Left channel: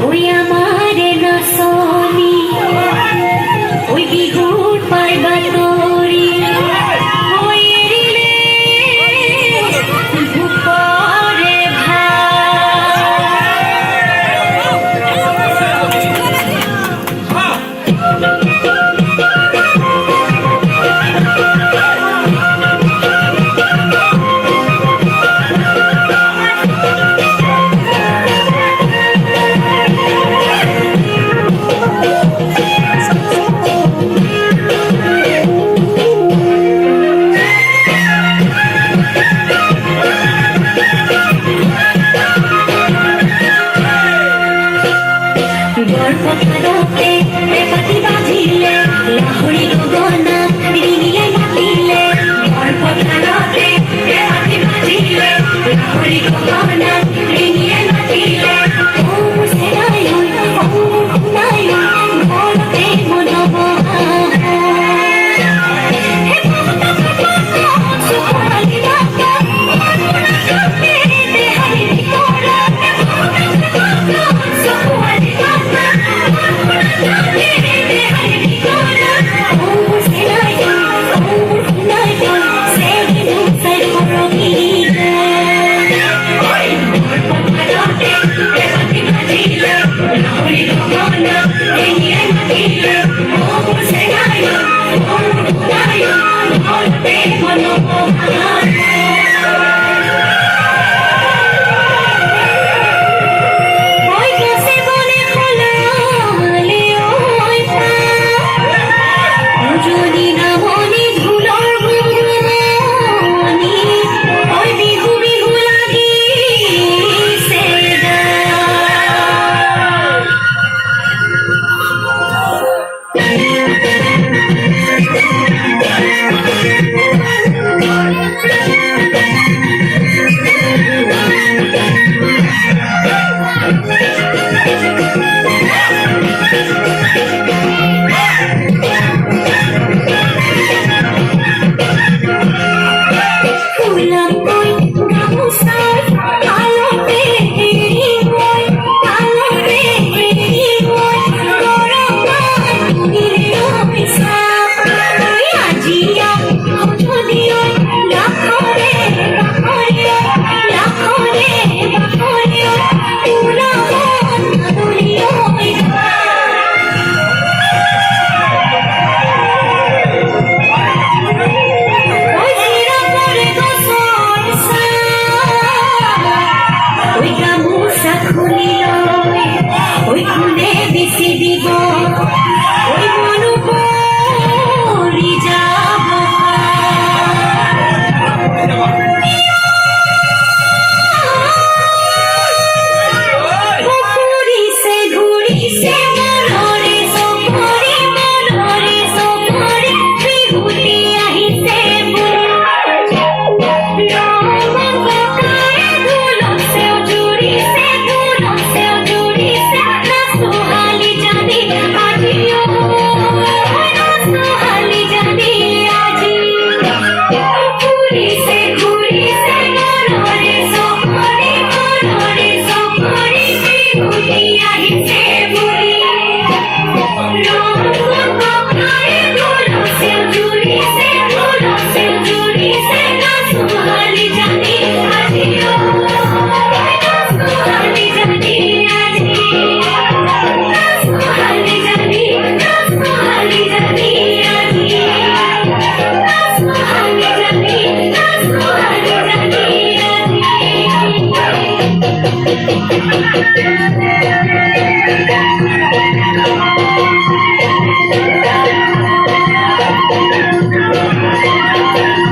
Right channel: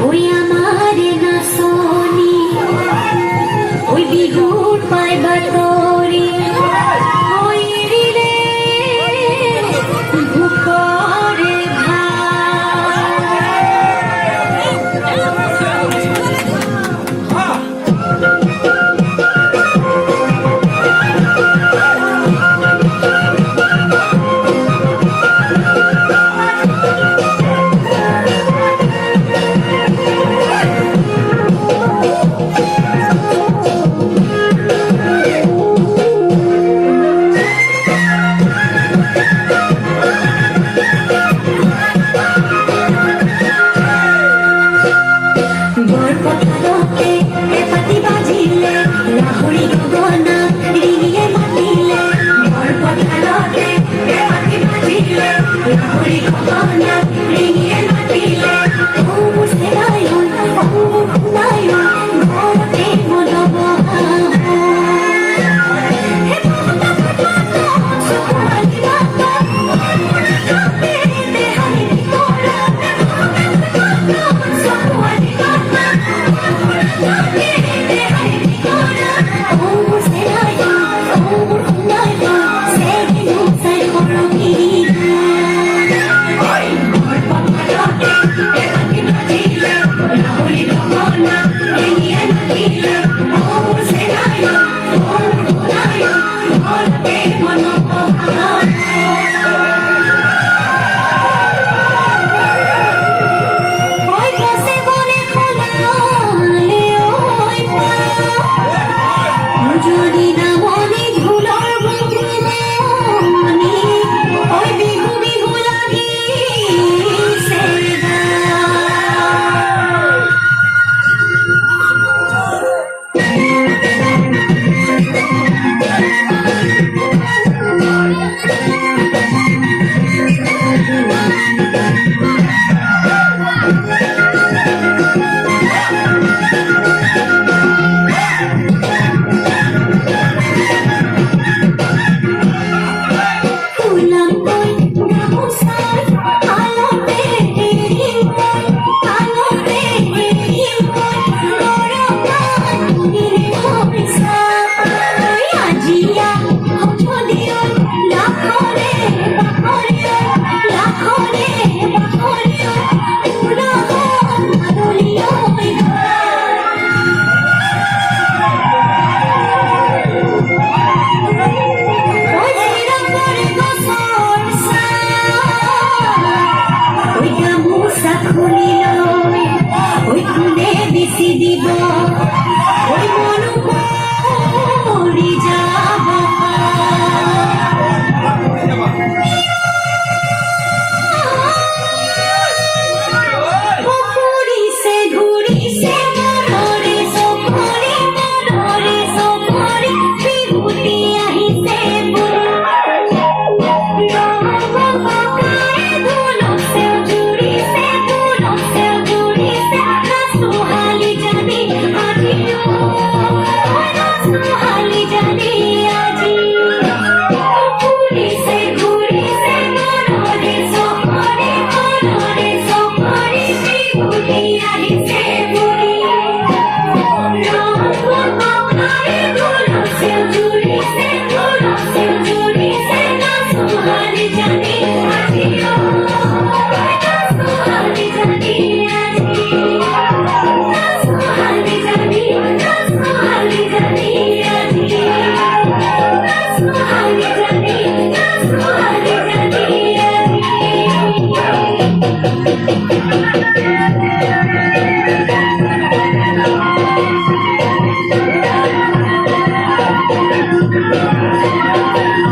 ওই আমার না সোনি ওই বিহুর পাইবা তোরি ওই রে ভুপরে গর্ভপাতে পেপাতি বাজিলে লাহুরি গগনা রিনিয়ে মাতিলে গর্ভপাতে পেপাতি বাজিলে লাহুরি গগনা রিনিয়ে মাতিলে ও সেরাই ও খুনাই ঘরতে মনবহা হে বাবা সুপালি বাবা তেরে দেহে তোরা সুপালি বাবা যদি না মনে ধুলোর গুণগুণি ওই বিহু বিহু লাগি ওই খুলে বেশি দিব ওই মনু মরি যাব ঘুরিছে ঘুরিছে মনরে সফরে মনরে সফরে বিহুতি আহিছে বলে Thank you.